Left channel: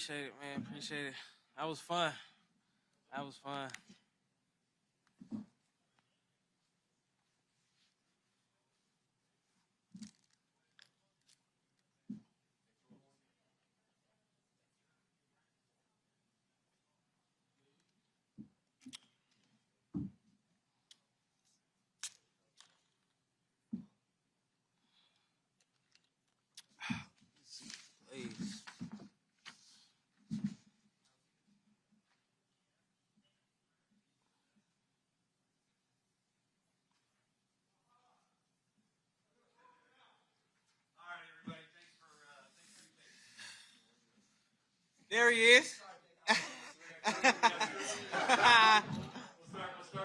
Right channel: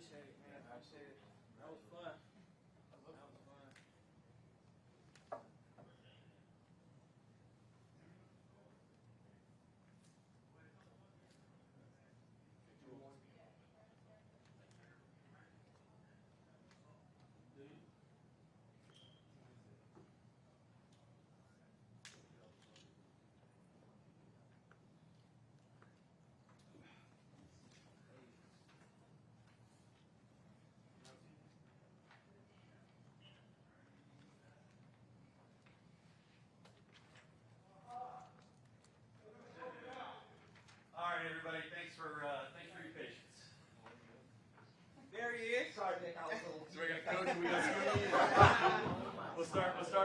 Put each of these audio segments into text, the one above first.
Appreciate it, man. Appreciate it. That was fun. That was fun. Please. All right, everybody. Thanks for your patience. There he is. We'll start with the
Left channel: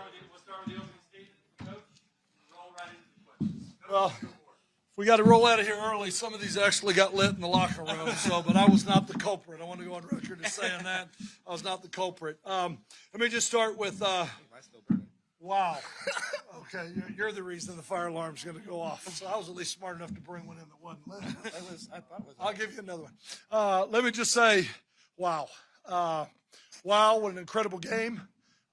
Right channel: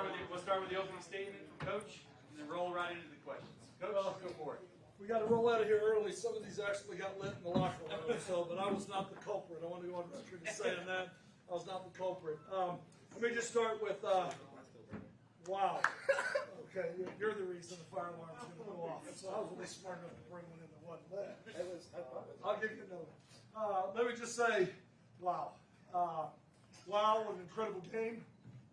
opening statement from Coach, and then roll right into the questions. Coach, Well, go for it. we got to roll out of here early. Some of these actually got lit in the locker room, but I was not the culprit. I want to go on record as saying that. I was not the culprit. Let me just start with, wow. Okay, you're the reason the fire alarm's going to go off. So I was at least smart enough to bring one in that wasn't lit. I'll give you another one. Let me just say, wow. Wow, what an incredible game.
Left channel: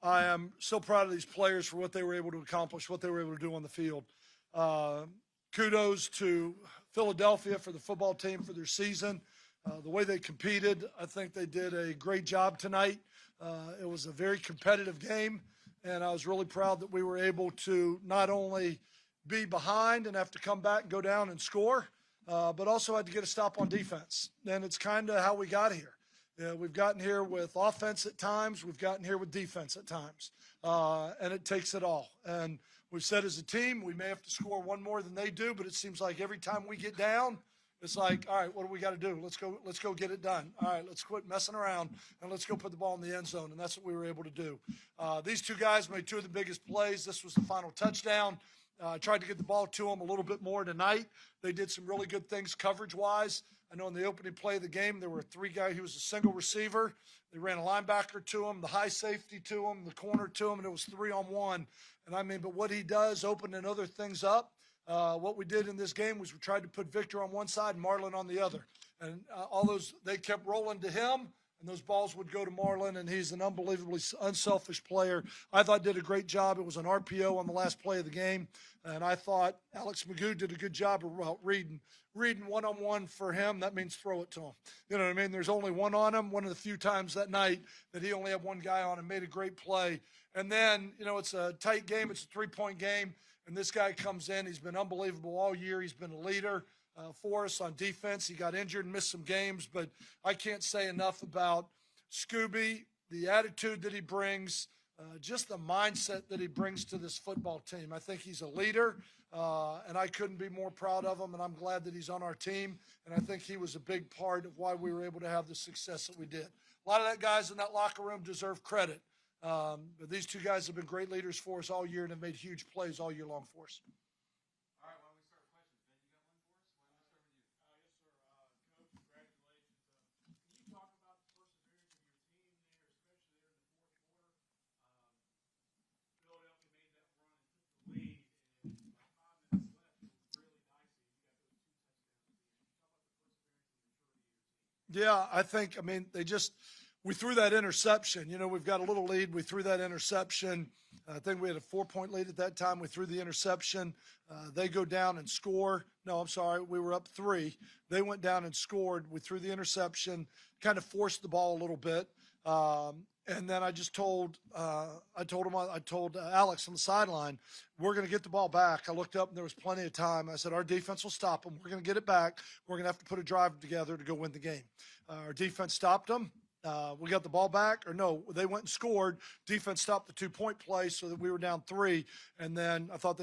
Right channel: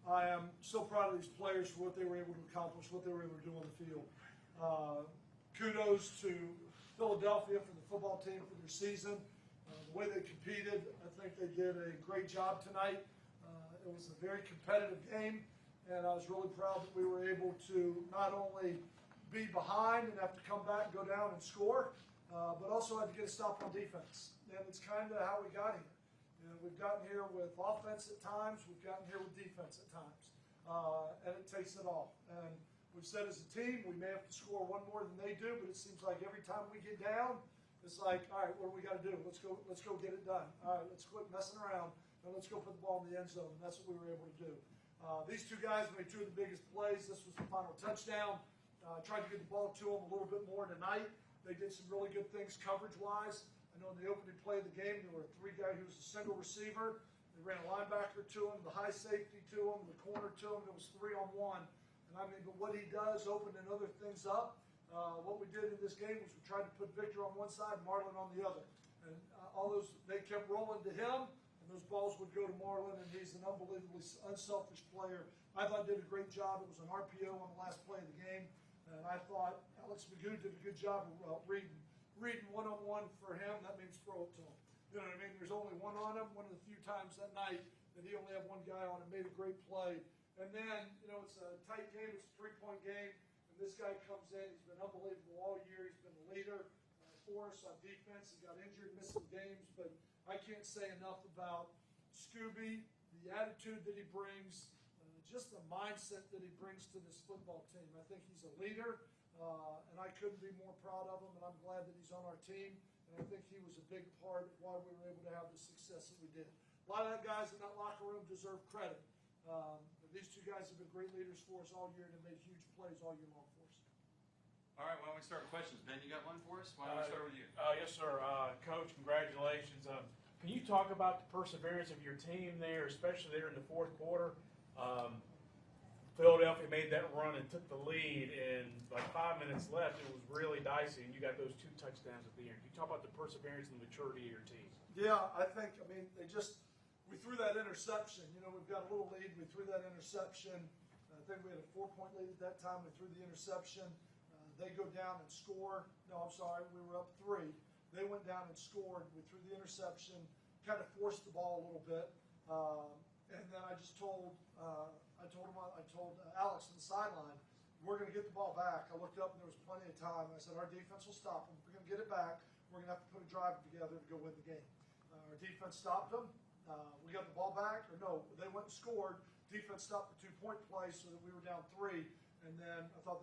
I am so proud of these players for what they were able to accomplish, what they were able to do on the field. Kudos to Philadelphia for the football team for their season. The way they competed, I think they did a great job tonight. It was a very competitive game, and I was really proud that we were able to not only be behind and have to come back and go down and score, but also had to get a stop on defense. And it's kind of how we got here. We've gotten here with offense at times. We've gotten here with defense at times. And it takes it all. And we've said as a team, we may have to score one more than they do, but it seems like every time we get down, it's like, all right, what do we got to do? Let's go get it done. All right, let's quit messing around, and let's go put the ball in the end zone. And that's what we were able to do. These two guys made two of the biggest plays. This was the final touchdown. Tried to get the ball to them a little bit more tonight. They did some really good things coverage-wise. I know in the opening play of the game, there were three guys. He was a single receiver. They ran a linebacker to him, the high safety to him, the corner to him, and it was 3-on-1. And I mean, but what he does, opening other things up. What we did in this game was we tried to put Victor on one side and Marlon on the other. And all those, they kept rolling to him, and those balls would go to Marlon, and he's an unbelievably unselfish player. I thought did a great job. It was an RPO on the last play of the game, and I thought Alex Magoo did a good job of reading one-on-one for him. That means throw it to him. You know what I mean? There's only one on him. One of the few times that night that he only had one guy on him, made a great play. And then, you know, it's a tight game. It's a three-point game. And this guy comes in. He's been unbelievable all year. He's been a leader for us on defense. He got injured and missed some games. But I can't say enough about Scooby, the attitude that he brings, just the mindset that he brings to this football team. I think he's a leader. And I couldn't be more proud of him, and I'm glad that he's on our team. And I think he was a big part of why we were able to have the success that we did. A lot of that guys in that locker room deserve credit. But these two guys have been great leaders for us all year and have made huge plays all year long for us. All right, why don't we start with questions? Ben, you got one for us? Why don't we start with you? Yes, sir. Coach, congratulations. Can you talk about the perseverance of your team there, especially there in the fourth quarter? Philadelphia made that run and took the lead, and like 5 minutes left, it was really dicey, and you got those two touchdowns at the end. Can you talk about the perseverance and the maturity of your team? Yeah, I think, we threw that interception. You know, we've got a little lead. We threw that interception. I think we had a 4-point lead at that time. We threw the interception. They go down and score. No, I'm sorry. We were up 3. They went down and scored. We threw the interception, kind of forced the ball a little bit. And then I just told Alex on the sideline, we're going to get the ball back. I looked up and there was plenty of time. I said, our defense will stop them. We're going to get it back. We're going to have to put a drive together to go win the game. Our defense stopped them. We got the ball back, or no, they went and scored. Defense stopped the 2-point play so that we were down 3. And then I thought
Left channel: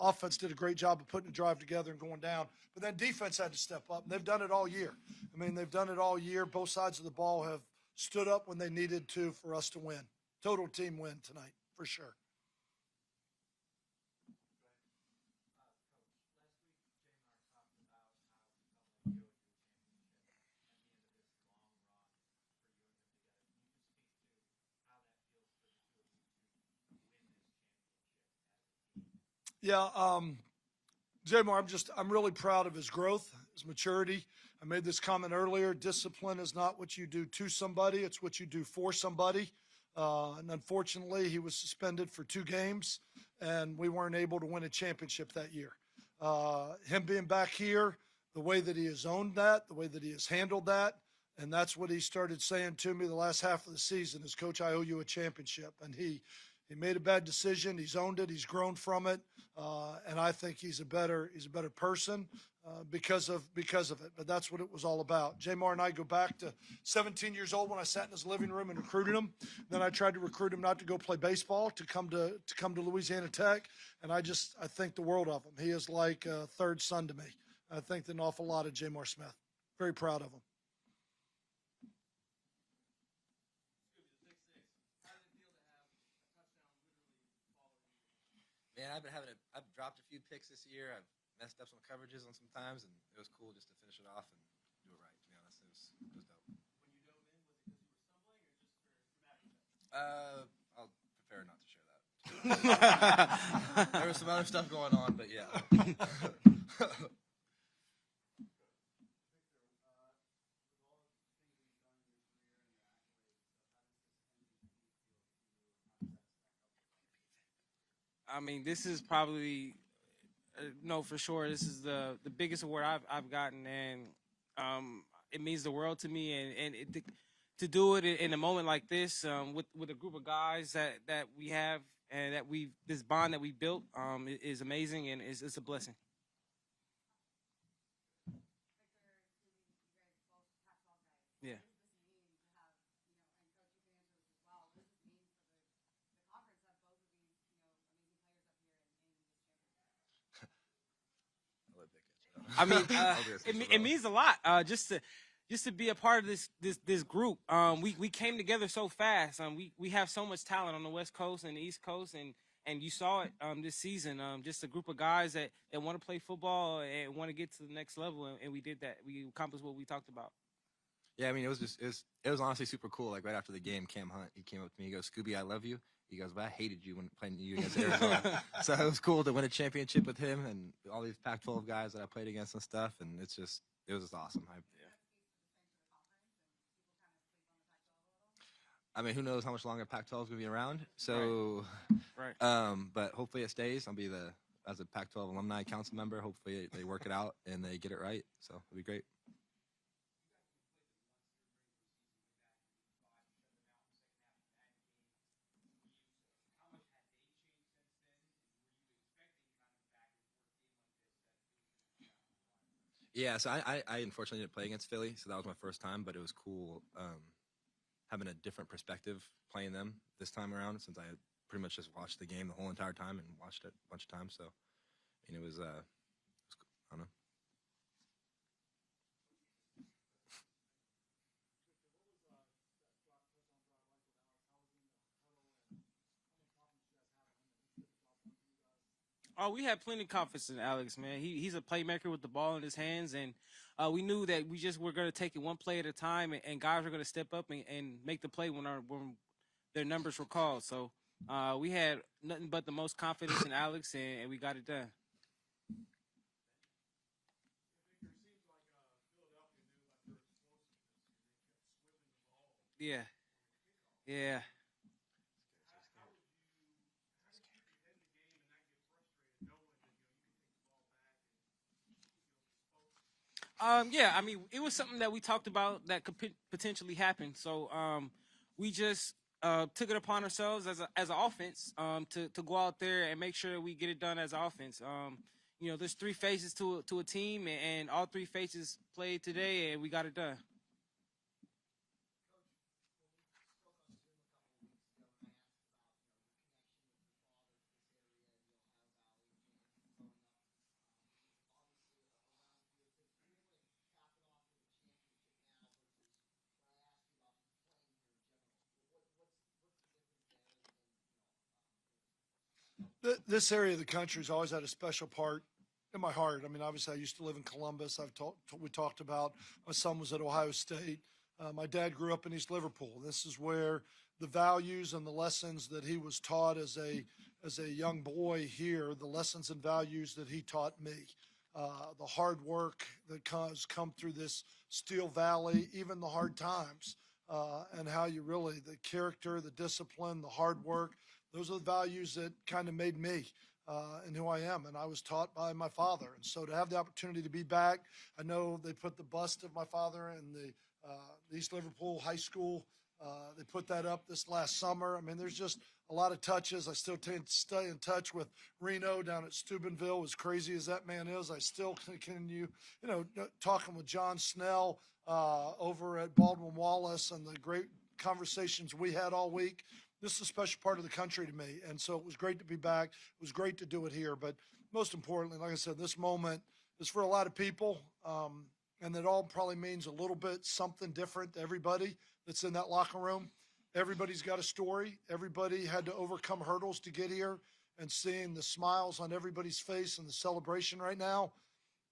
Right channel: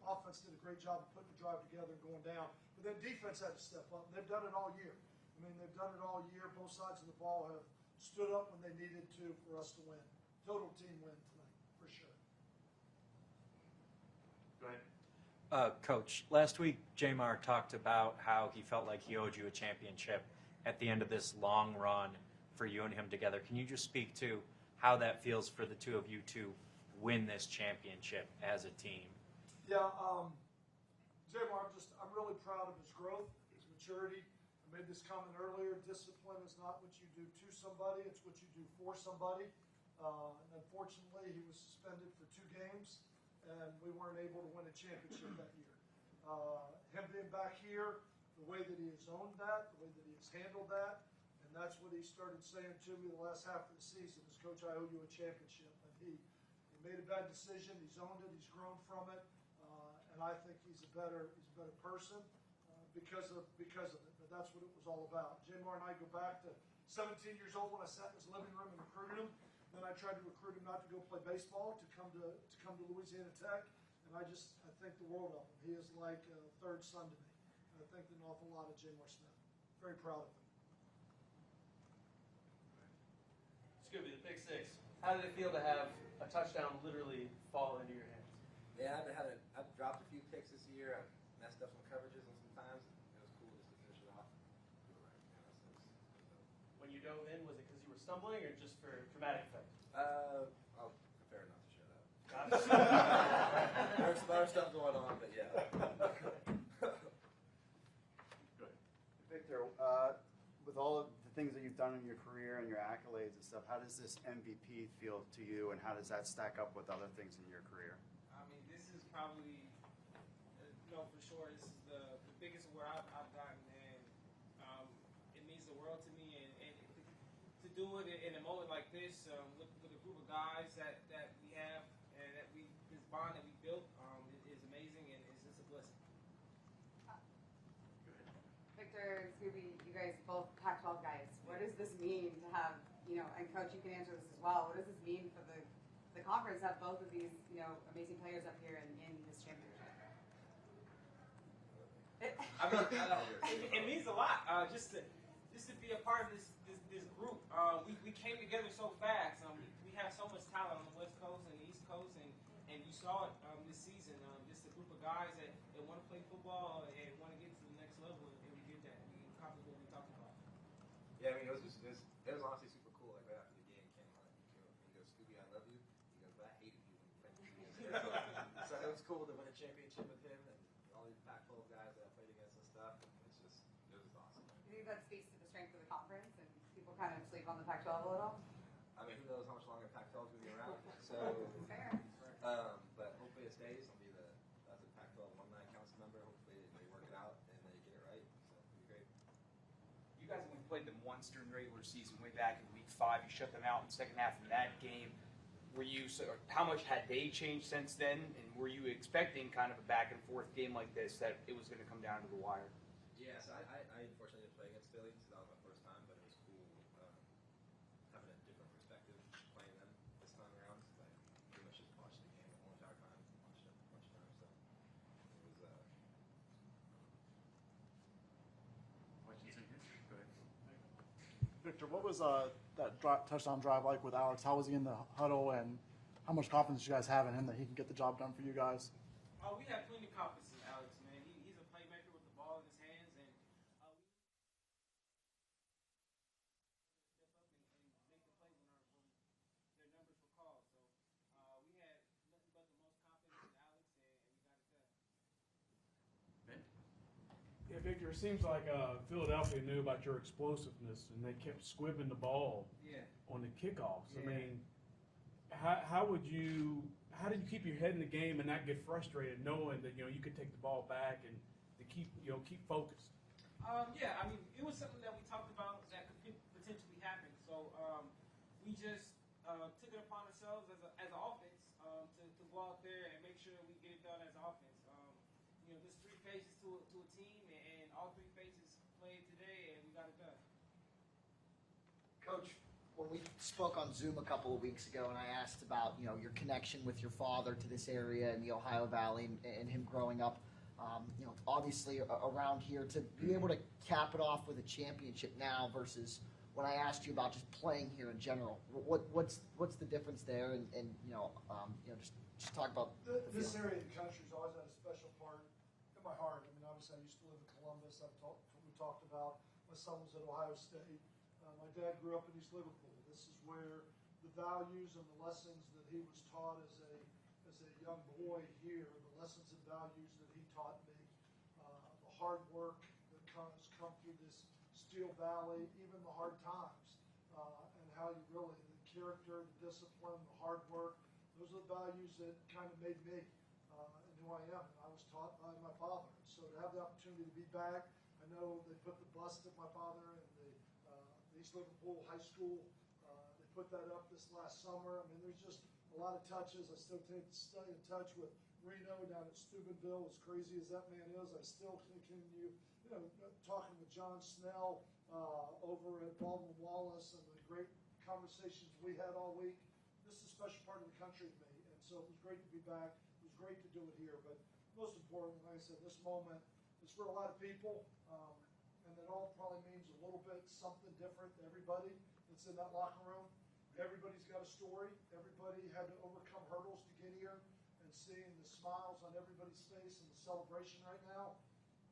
offense did a great job of putting a drive together and going down. But then defense had to step up. And they've done it all year. I mean, they've done it all year. Both sides of the ball have stood up when they needed to for us to win. Total team win tonight, for sure. Go ahead. Coach, last week Jamar talked about how he felt like he owed you a championship at the end of this long run for you and him together. Can you just speak to how that feels for the two of you to win this championship as a team? Yeah, Jamar, I'm really proud of his growth, his maturity. I made this comment earlier. Discipline is not what you do to somebody. It's what you do for somebody. And unfortunately, he was suspended for 2 games, and we weren't able to win a championship that year. Him being back here, the way that he has owned that, the way that he has handled that, and that's what he started saying to me the last half of the season is, Coach, I owe you a championship. And he made a bad decision. He's owned it. He's grown from it. And I think he's a better person because of it. But that's what it was all about. Jamar and I go back to 17 years old when I sat in his living room and recruited him. Then I tried to recruit him not to go play baseball, to come to Louisiana Tech. And I think the world of him. He is like a third son to me. I think an awful lot of Jamar Smith. Very proud of him. Scooby, the pick six. How did it feel to have a touchdown literally fall into your hands? Yeah, I've dropped a few picks this year. I've messed up some coverages on some times, and it was cool just to finish it off and do it right. To be honest, it was dope. When you dove in, was it because you were stumbling or just for dramatic effect? I'll prefer not to share that. There was some other stuff going on, but yeah. Victor, with all of the things that you've done in your career and your accolades and stuff, how does this MVP feel to you, and how does that stack up with other things in your career? I mean, this is probably, no, for sure, this is the biggest award I've gotten, and it means the world to me. And to do it in a moment like this with a group of guys that we have and this bond that we built is amazing, and it's a blessing. Victor and Scooby, you guys both Pac-12 guys. Yeah. What does this mean to have, and Coach, you can answer this as well. What does this mean for the conference to have both of these, amazing players up here in this championship? I mean, it means a lot just to be a part of this group. We came together so fast. We have so much talent on the West Coast and the East Coast, and you saw it this season. Just a group of guys that want to play football and want to get to the next level, and we did that. We accomplished what we talked about. Yeah, I mean, it was honestly super cool. Like right after the game, Cam Hunt, he came up to me, he goes, "Scooby, I love you." He goes, "But I hated you when playing you against Arizona." So it was cool to win a championship with him and all these Pac-12 guys that I played against and stuff, and it was just awesome. Do you think that speaks to the strength of the conference, and people kind of sleep on the Pac-12 a little? I mean, who knows how much longer Pac-12 is going to be around? So, Right. But hopefully it stays. I'll be as a Pac-12 alumni council member. Hopefully they work it out and they get it right. So it'll be great. You guys only played them once during the regular season, way back in Week 5. You shut them out in the second half of that game. How much had they changed since then? And were you expecting kind of a back and forth game like this, that it was going to come down to the wire? Yeah, so I unfortunately didn't play against Philly, so that was my first time, but it was cool having a different perspective playing them this time around, since I pretty much just watched the game the whole entire time and watched it a bunch of times. So, and it was cool. I don't know. Victor, what was that touchdown drive like with Alex? How was he in the huddle, and how much confidence do you guys have in him that he can get the job done for you guys? Oh, we have plenty of confidence in Alex, man. He's a playmaker with the ball in his hands, and we knew that we just were going to take it one play at a time, and guys were going to step up and make the play when their numbers were called. So we had nothing but the most confidence in Alex, and we got it done. Yeah, Victor, it seems like Philadelphia knew about your explosiveness, and they kept squibbing the ball on the kickoffs. Yeah. I mean, how did you keep your head in the game and not get frustrated, knowing that you could take the ball back and to keep focused? Yeah, I mean, it was something that we talked about that could potentially happen. So we just took it upon ourselves as an offense to go out there and make sure that we get it done as an offense. There's 3 phases to a team, and all 3 phases played today, and we got it done. Coach, when we spoke on Zoom a couple of weeks ago, and I asked about your connection with your father to this area in the Ohio Valley and him growing up, obviously around here, to be able to cap it off with a championship now versus when I asked you about just playing here in general, what's the difference there? And just talk about this area of the country has always had a special part in my heart. I mean, obviously, I used to live in Columbus. We talked about my son was at Ohio State. My dad grew up in East Liverpool. This is where the values and the lessons that he was taught as a young boy here, the lessons and values that he taught me. the hard work that has come through this Steel Valley, even the hard times, and how you really, the character, the discipline, the hard work, those are the values that kind of made me and who I am. And I was taught by my father. And so to have the opportunity to be back, I know they put the bust of my father in the East Liverpool High School. They put that up this last summer. I mean, there's just a lot of touches. I still stay in touch with Reno down at Steubenville. As crazy as that man is, I still continue, talking with John Snell over at Baldwin Wallace and the great conversations we had all week. This is a special part of the country to me, and so it was great to be back. It was great to do it here, but most importantly, like I said, this moment is for a lot of people, and it all probably means a little bit something different to everybody that's in that locker room. Everybody's got a story. Everybody had to overcome hurdles to get here, and seeing the smiles on everybody's face and the celebration right now,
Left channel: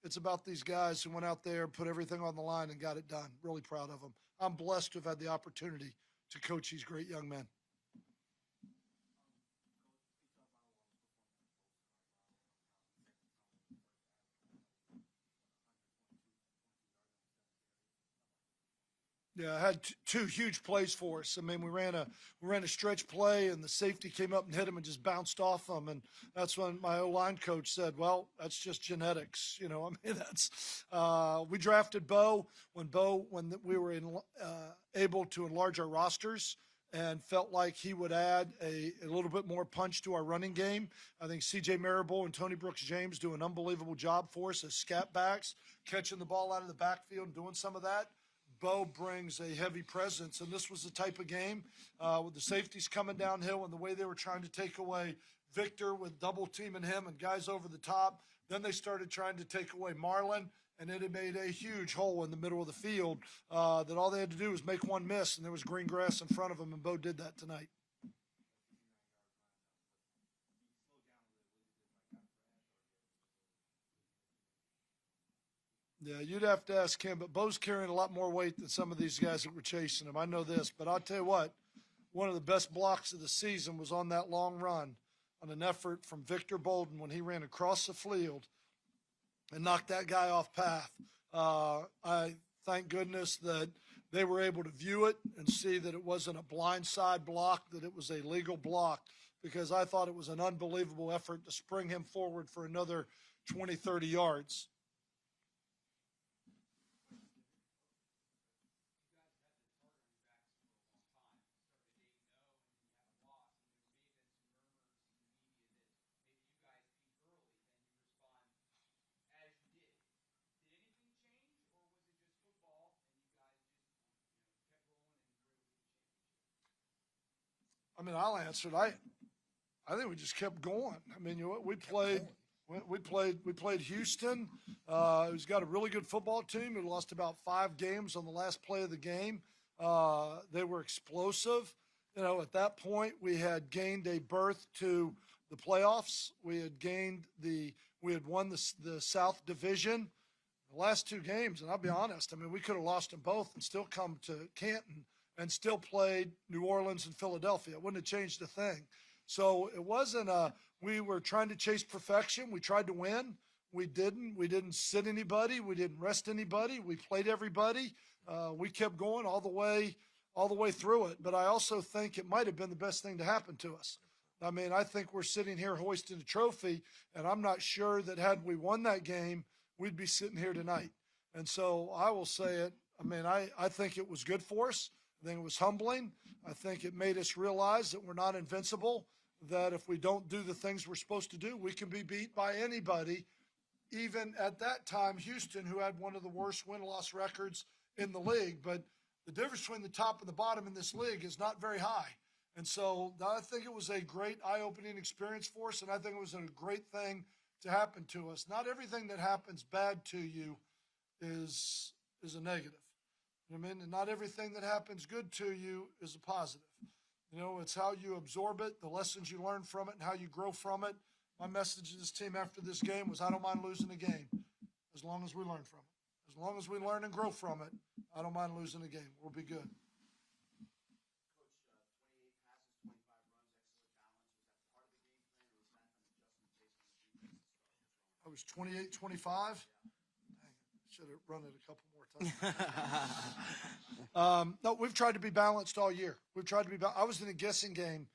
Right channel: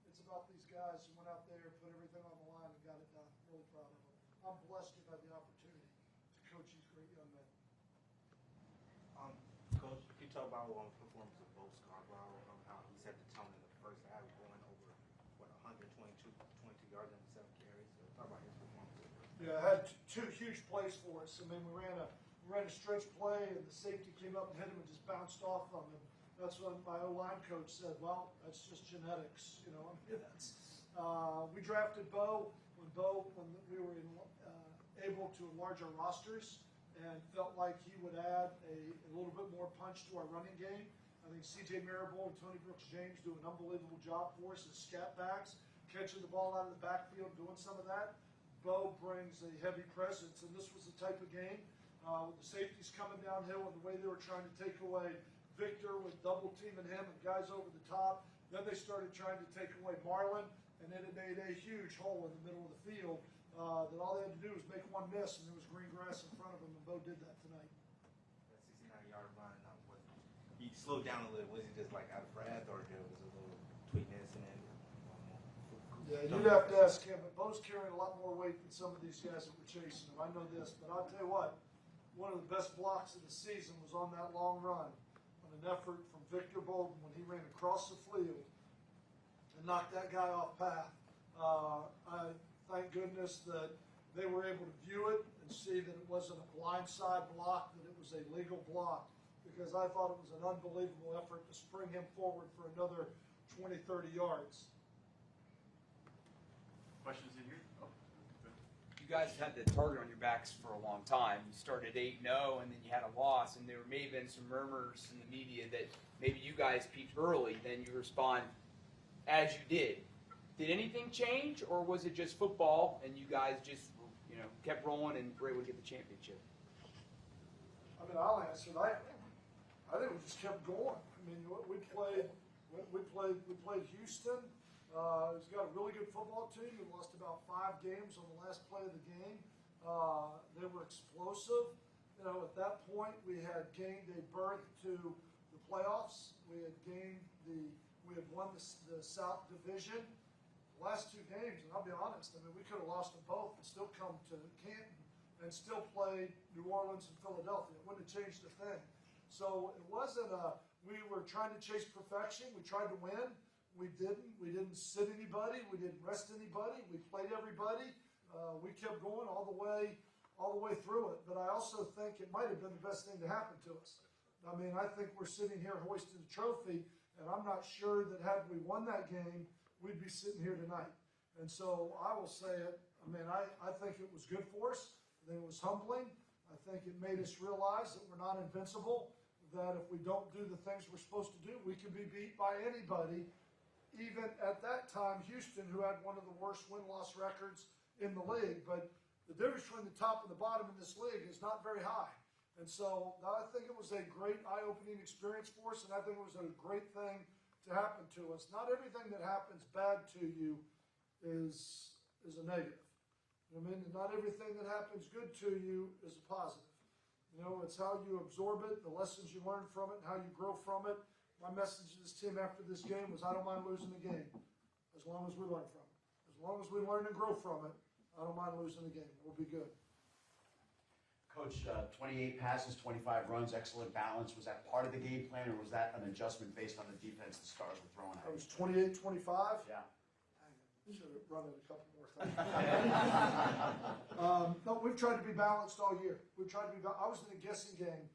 it's about these guys who went out there, put everything on the line, and got it done. Really proud of them. I'm blessed to have had the opportunity to coach these great young men. Coach, you talk about performance of Bo Scarborough, how he set the tone in the first half, going over 122 yards and 7 carries. So talk about his performance. Yeah, I had two huge plays for us. I mean, we ran a stretch play, and the safety came up and hit him and just bounced off him. And that's when my O-line coach said, "Well, that's just genetics." I mean, we drafted Bo when we were able to enlarge our rosters, and felt like he would add a little bit more punch to our running game. I think C.J. Marable and Tony Brooks-James do an unbelievable job for us as scat backs, catching the ball out of the backfield, doing some of that. Bo brings a heavy presence, and this was the type of game with the safeties coming downhill and the way they were trying to take away Victor with double teaming him and guys over the top. Then they started trying to take away Marlon, and it had made a huge hole in the middle of the field that all they had to do was make one miss, and there was green grass in front of them, and Bo did that tonight. That 69-yard run, he slowed down a little. Was he just like out of breath, or there was a little tweakness in it? Yeah, you'd have to ask him, but Bo's carrying a lot more weight than some of these guys that were chasing him. I know this, but I'll tell you what, one of the best blocks of the season was on that long run on an effort from Victor Bolden when he ran across the field and knocked that guy off path. I thank goodness that they were able to view it and see that it wasn't a blindside block, that it was a legal block, because I thought it was an unbelievable effort to spring him forward for another 20, 30 yards. Questions in here? Oh. You guys have had the target on your backs for a long time. You started 8-0, and then you had a loss, and there may have been some murmurs in the media that maybe you guys peaked early, then you respond as you did. Did anything change, or was it just football, and you guys just kept rolling and were able to get the championship? I mean, I'll answer it. I think we just kept going. I mean, we played Houston, who's got a really good football team. We lost about 5 games on the last play of the game. They were explosive. At that point, we had gained a berth to the playoffs. We had won the South Division. The last 2 games, and I'll be honest, I mean, we could have lost them both and still come to Canton and still played New Orleans and Philadelphia. It wouldn't have changed a thing. So it wasn't we were trying to chase perfection. We tried to win. We didn't. We didn't sit anybody. We didn't rest anybody. We played everybody. We kept going all the way through it. But I also think it might have been the best thing to happen to us. I mean, I think we're sitting here hoisting a trophy, and I'm not sure that had we won that game, we'd be sitting here tonight. And so I will say it. I mean, I think it was good for us. I think it was humbling. I think it made us realize that we're not invincible, that if we don't do the things we're supposed to do, we can be beat by anybody, even at that time, Houston, who had one of the worst win-loss records in the league. But the difference between the top and the bottom in this league is not very high. And so I think it was a great eye-opening experience for us, and I think it was a great thing to happen to us. Not everything that happens bad to you is a negative. I mean, not everything that happens good to you is a positive. It's how you absorb it, the lessons you learn from it, and how you grow from it. My message to this team after this game was, I don't mind losing a game as long as we learn from it. As long as we learn and grow from it, I don't mind losing a game. We'll be good. Coach, 28 passes, 25 runs, excellent balance. Was that part of the game plan, or was that an adjustment based on the defense the Stars were throwing at? It was 28-25? Yeah. Should have run it a couple more times. No, we've tried to be balanced all year. We've tried to be I was in a guessing game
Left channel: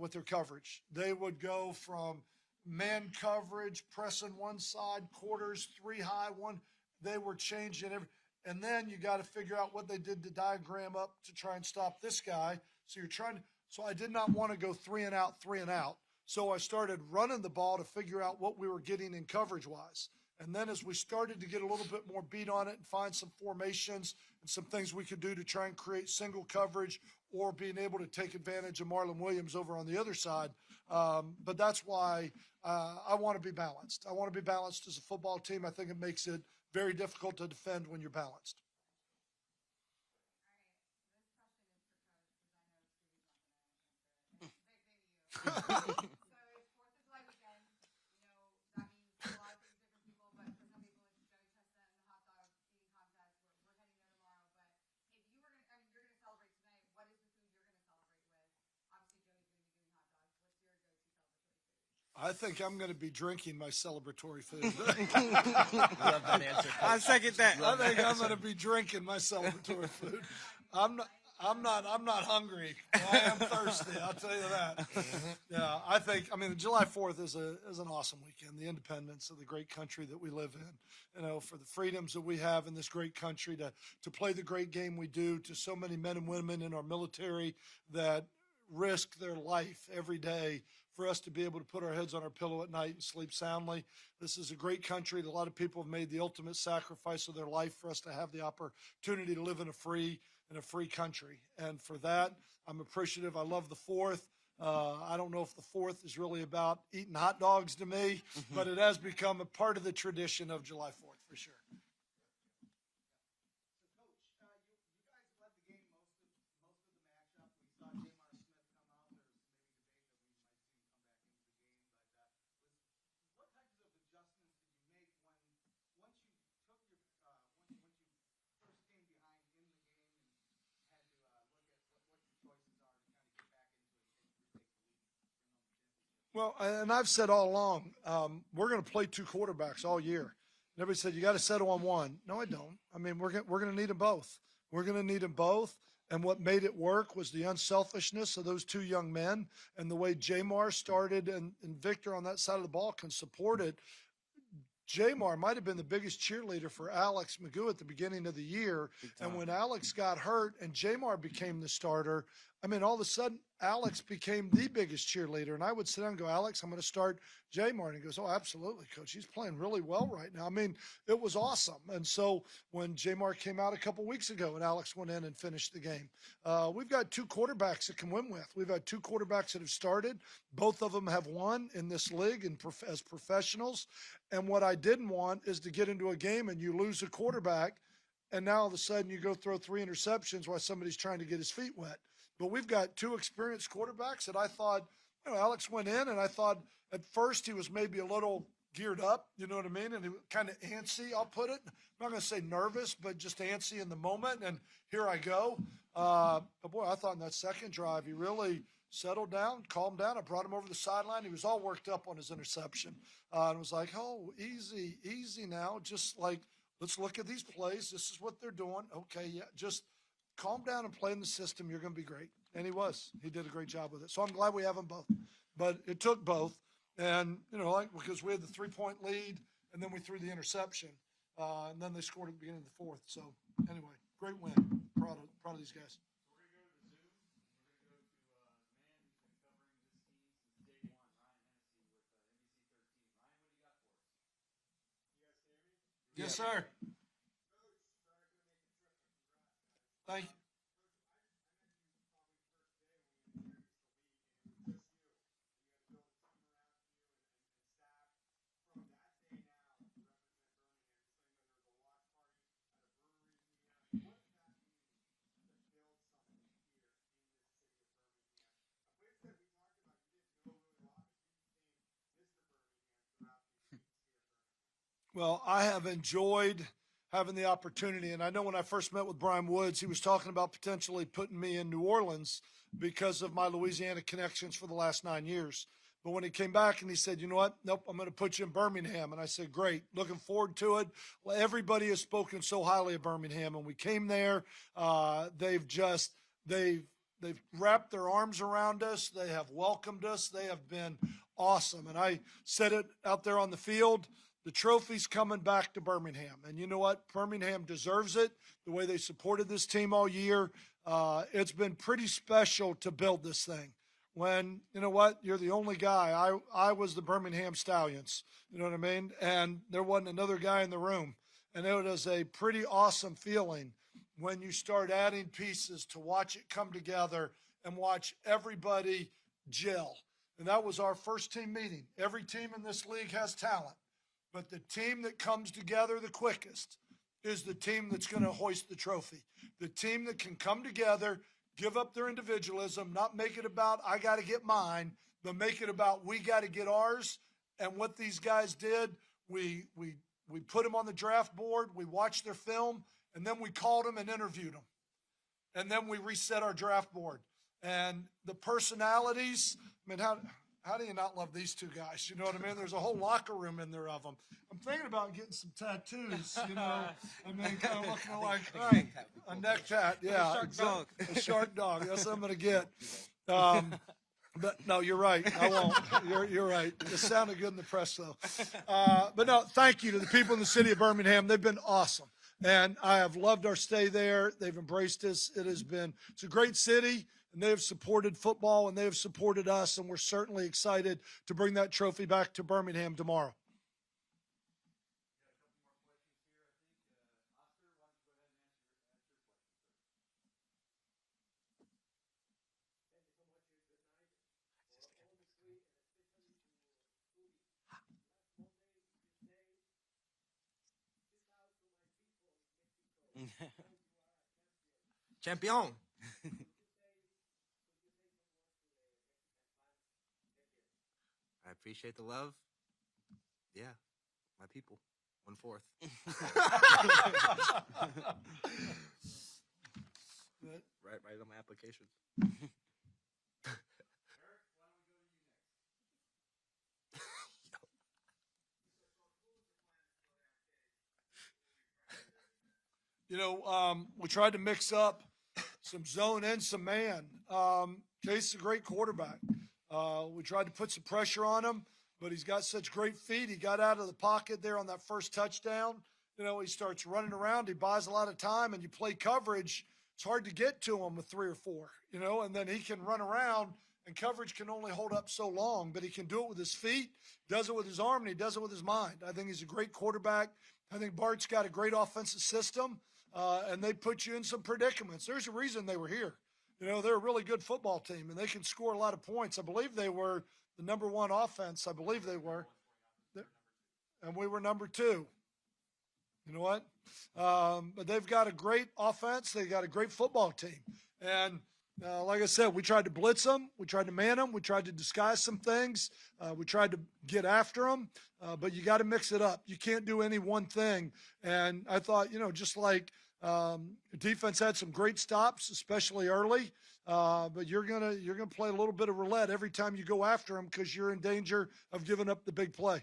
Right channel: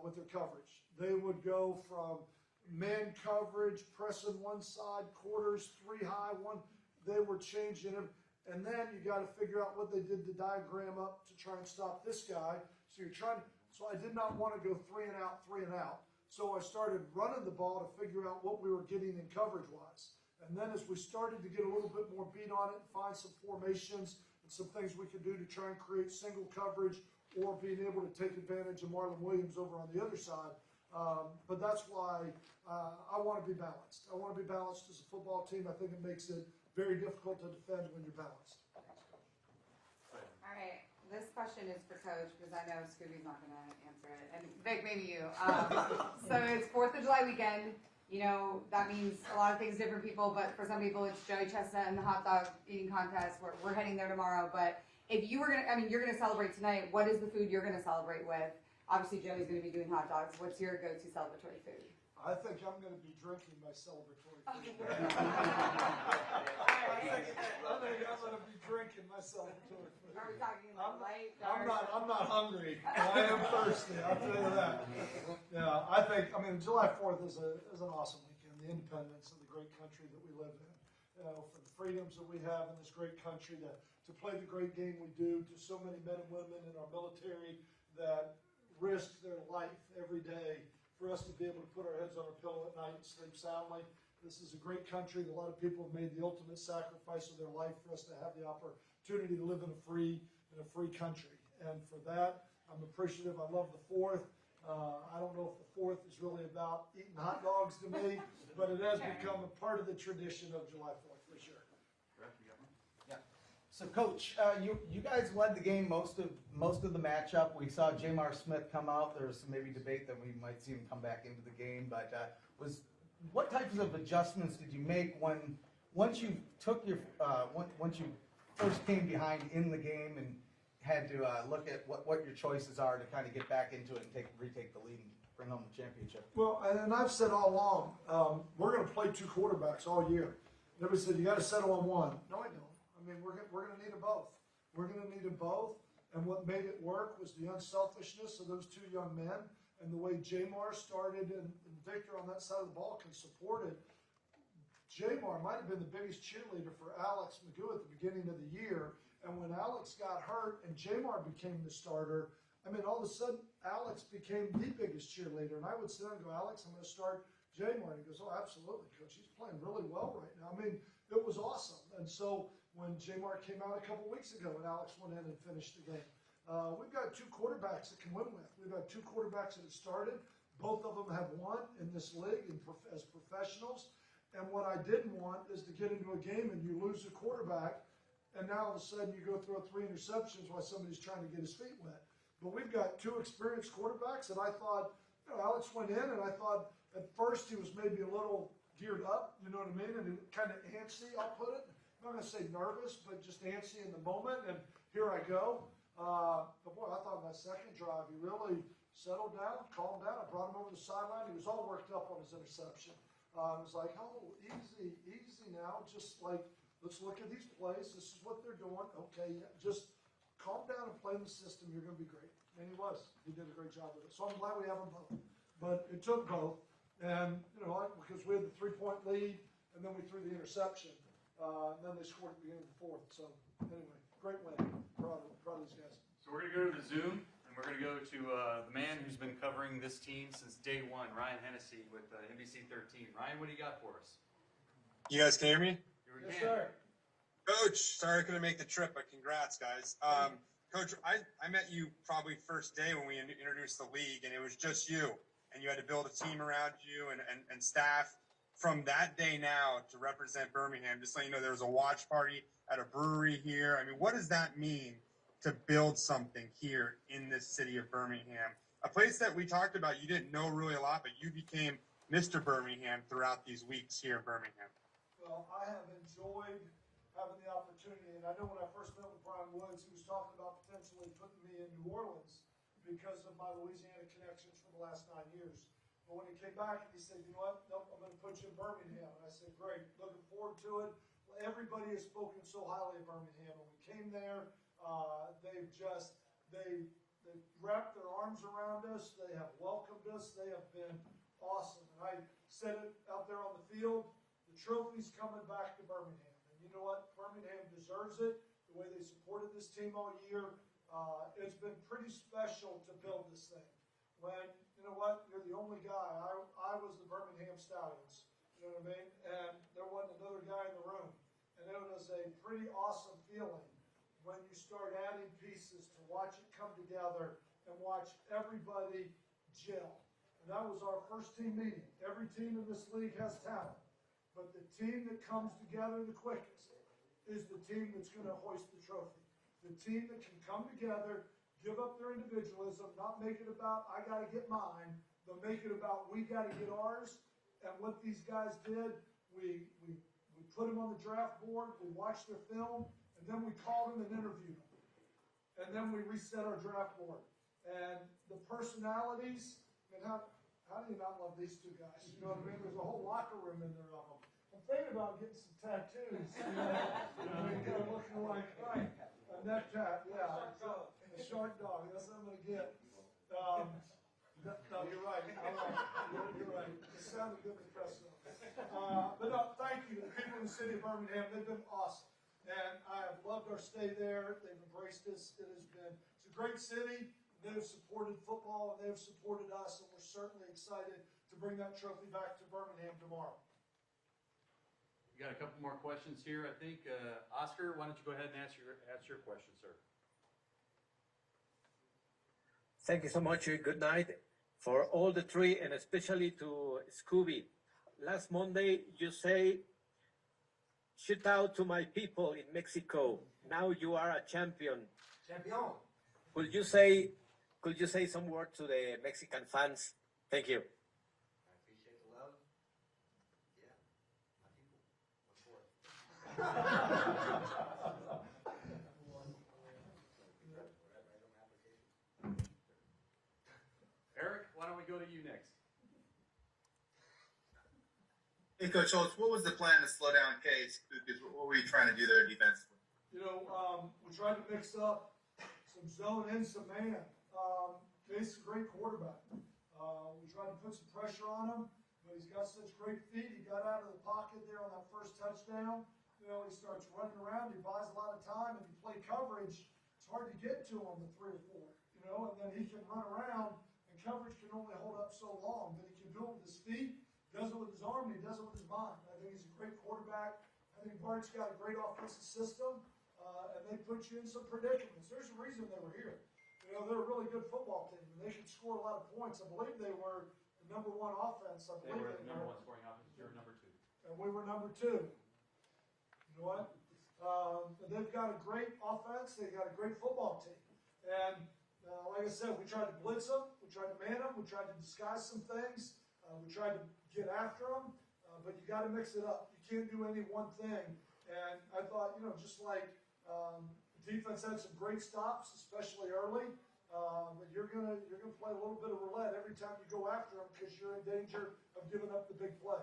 with their coverage. They would go from man coverage, pressing one side, quarters, 3 high, one. They were changing it. And then you got to figure out what they did to diagram up to try and stop this guy. So you're trying to, so I did not want to go 3 and out, 3 and out. So I started running the ball to figure out what we were getting in coverage wise. And then as we started to get a little bit more beat on it and find some formations and some things we could do to try and create single coverage or being able to take advantage of Marlon Williams over on the other side. But that's why I want to be balanced. I want to be balanced as a football team. I think it makes it very difficult to defend when you're balanced. All right, this question is for Coach because I know Scooby's not going to answer it. And Vic, maybe you. So it's 4th of July weekend. You know, that means a lot of things to different people, but for some people it's Joey Chestnut and the hot dog eating contest. We're heading there tomorrow. But if you were going to, I mean, you're going to celebrate tonight. What is the food you're going to celebrate with? Obviously, Joey's going to be doing hot dogs. What's your go-to celebratory food? I think I'm going to be drinking my celebratory food. I second that. I think I'm going to be drinking my celebratory food. I'm not hungry. I am thirsty. I'll tell you that. Yeah, I mean, July 4th is an awesome weekend. The independence of the great country that we live in. You know, for the freedoms that we have in this great country to play the great game we do, to so many men and women in our military that risk their life every day for us to be able to put our heads on our pillow at night and sleep soundly. This is a great country that a lot of people have made the ultimate sacrifice of their life for us to have the opportunity to live in a free country. And for that, I'm appreciative. I love the 4th. I don't know if the 4th is really about eating hot dogs to me, but it has become a part of the tradition of July 4th for sure. Yeah. So, Coach, you guys led the game most of the matchup. We saw Jamar Smith come out. There was some maybe debate that we might see him come back into the game. But what types of adjustments did you make once you took your once you first came behind in the game and had to look at what your choices are to kind of get back into it and retake the lead and bring home the championship? Well, and I've said all along, we're going to play 2 quarterbacks all year. And everybody said, you got to settle on one. No, I don't. I mean, we're going to need them both. We're going to need them both. And what made it work was the unselfishness of those 2 young men and the way Jamar started and Victor on that side of the ball can support it. Jamar might have been the biggest cheerleader for Alex Magoo at the beginning of the year. And when Alex got hurt and Jamar became the starter, I mean, all of a sudden, Alex became the biggest cheerleader. And I would sit down and go, Alex, I'm going to start Jamar. And he goes, oh, absolutely, Coach. He's playing really well right now. I mean, it was awesome. And so when Jamar came out a couple weeks ago and Alex went in and finished the game, we've got 2 quarterbacks that can win with. We've had 2 quarterbacks that have started. Both of them have won in this league and as professionals. And what I didn't want is to get into a game and you lose a quarterback and now all of a sudden you go throw 3 interceptions while somebody's trying to get his feet wet. But we've got 2 experienced quarterbacks and I thought, you know, Alex went in and I thought at first he was maybe a little geared up, you know what I mean? And he was kind of antsy, I'll put it. I'm not going to say nervous, but just antsy in the moment. And here I go. But boy, I thought in that second drive, he really settled down, calmed down. I brought him over the sideline. He was all worked up on his interception. And it was like, oh, easy now. Just like, let's look at these plays. This is what they're doing. Okay, yeah, just calm down and play in the system. You're going to be great. And he was. He did a great job with it. So I'm glad we have them both. But it took both. And, you know, like, because we had the 3-point lead, and then we threw the interception. And then they scored at the beginning of the 4th. So, anyway, great win. Proud of these guys. So we're going to go to the Zoom, and we're going to go to the man who's been covering this team since day one, Ryan Hennessy with NBC 13. Ryan, what do you got for us? You guys can hear me? Yes, sir. Coach, sorry I couldn't make the trip, but congrats, guys. Coach, I met you probably first day when we introduced the league, and it was just you. And you had to build a team around you and staff. From that day now to represent Birmingham, just letting you know there was a watch party at a brewery here. I mean, what does that mean to build something here in this city of Birmingham? A place that we talked about, you didn't know really a lot, but you became Mr. Birmingham throughout these weeks here in Birmingham. Well, I have enjoyed having the opportunity. And I know when I first met with Brian Woods, he was talking about potentially putting me in New Orleans because of my Louisiana connections for the last 9 years. But when he came back and he said, you know what, nope, I'm going to put you in Birmingham. And I said, great, looking forward to it. Well, everybody has spoken so highly of Birmingham. And we came there. They've wrapped their arms around us. They have welcomed us. They have been awesome. And I said it out there on the field, the trophy's coming back to Birmingham. And you know what? Birmingham deserves it, the way they supported this team all year. It's been pretty special to build this thing. When, you know what, you're the only guy. I was the Birmingham Stallions, you know what I mean? And there wasn't another guy in the room. And it was a pretty awesome feeling when you start adding pieces to watch it come together and watch everybody gel. And that was our first team meeting. Every team in this league has talent, but the team that comes together the quickest is the team that's going to hoist the trophy. The team that can come together, give up their individualism, not make it about I got to get mine, but make it about we got to get ours. And what these guys did, we put them on the draft board, we watched their film, and then we called them and interviewed them. And then we reset our draft board. And the personalities, I mean, how do you not love these two guys? You know what I mean? There's a whole locker room in there of them. I'm thinking about getting some tattoos, you know. I mean, kind of looking like a neck tat, yeah. A shark dog. A shark dog. That's what I'm going to get. But no, you're right. I won't. You're right. It sounded good in the press, though. But no, thank you to the people in the city of Birmingham. They've been awesome. And I have loved our stay there. They've embraced us. It's a great city, and they have supported football, and they have supported us, and we're certainly excited to bring that trophy back to Birmingham tomorrow. We got a couple more questions here, I think. Oscar, why don't you go ahead and ask your question, sir? Thank you so much. Good night for all the three, and especially to Scooby. Last Monday, you say, shout out to my people in Mexico. Now you are a champion. Champion. Could you say some words to the Mexican fans? Thank you. I appreciate the love. Yeah, my people. 1/4. Right on my application. Eric, why don't we go to you next? Hey, Coach Holtz, what was the plan to slow down Case? What were you trying to do there defensively? You know, we tried to mix up some zone and some man. Case is a great quarterback. We tried to put some pressure on him, but he's got such great feet. He got out of the pocket there on that first touchdown. You know, he starts running around. He buys a lot of time, and you play coverage. It's hard to get to him with 3 or 4, you know, and then he can run around, and coverage can only hold up so long, but he can do it with his feet, does it with his arm, and he does it with his mind. I think he's a great quarterback. I think Bart's got a great offensive system, and they put you in some predicaments. There's a reason they were here. You know, they're a really good football team, and they can score a lot of points. I believe they were the number 1 offense. I believe they were. And we were number 2. You know what? But they've got a great offense. They've got a great football team. And like I said, we tried to blitz them. We tried to man them. We tried to disguise some things. We tried to get after them. But you got to mix it up. You can't do any one thing. And I thought, you know, just like defense had some great stops, especially early. But you're gonna play a little bit of roulette every time you go after them because you're in danger of giving up the big play.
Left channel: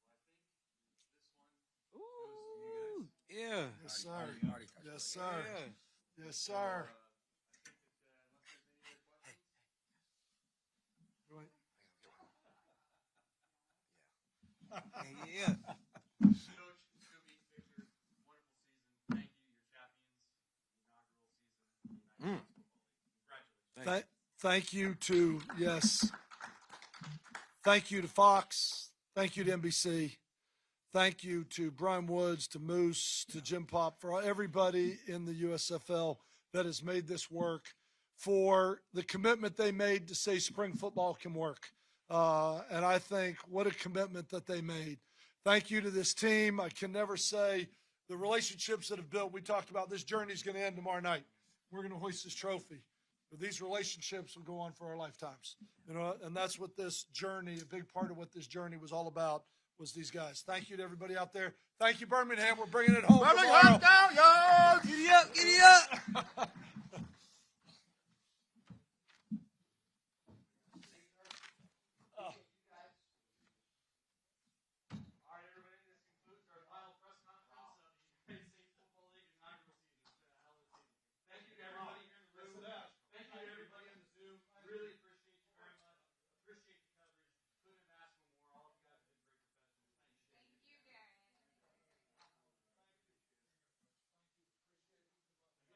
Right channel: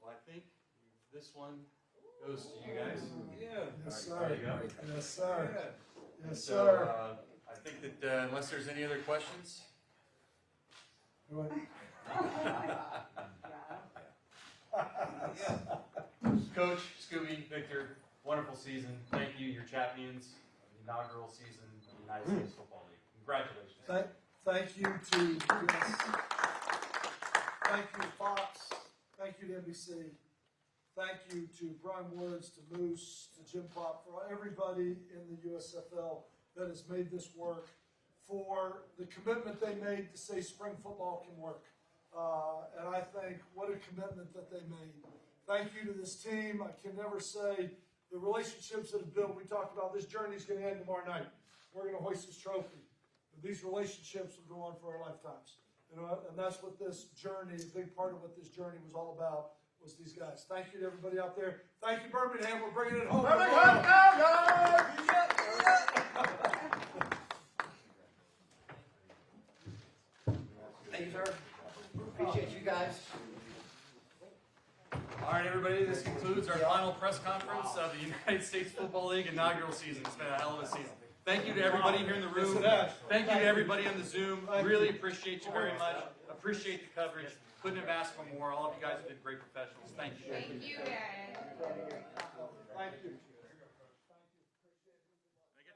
Well, I think this one goes to you guys. Yeah. Yes, sir. There you go. Yes, sir. Yeah. Yes, So, sir. I think that unless there's any other questions. Coach, Scooby, Victor, wonderful season. Thank you. You're champions of the inaugural season of the United States Football League. Congratulations. Thank you to, yes. Thank you to Fox. Thank you to NBC. Thank you to Brian Woods, to Moose, to Jim Pop, for everybody in the USFL that has made this work, for the commitment they made to say spring football can work. And I think what a commitment that they made. Thank you to this team. I can never say the relationships that have built. We talked about this journey is going to end tomorrow night. We're going to hoist this trophy. But these relationships will go on for our lifetimes. You know, and that's what this journey, a big part of what this journey was all about, was these guys. Thank you to everybody out there. Thank you, Birmingham. We're bringing it home. Birmingham, go! Giddy up, giddy up! you guys. All right, everybody, this concludes our final press conference of the United States Football League inaugural season. It's been a hell of a season. Thank you to everybody here in the room. Thank you to everybody on the Zoom. Really appreciate you very much. Appreciate the coverage. Couldn't have asked for more. All of you guys have been great performers.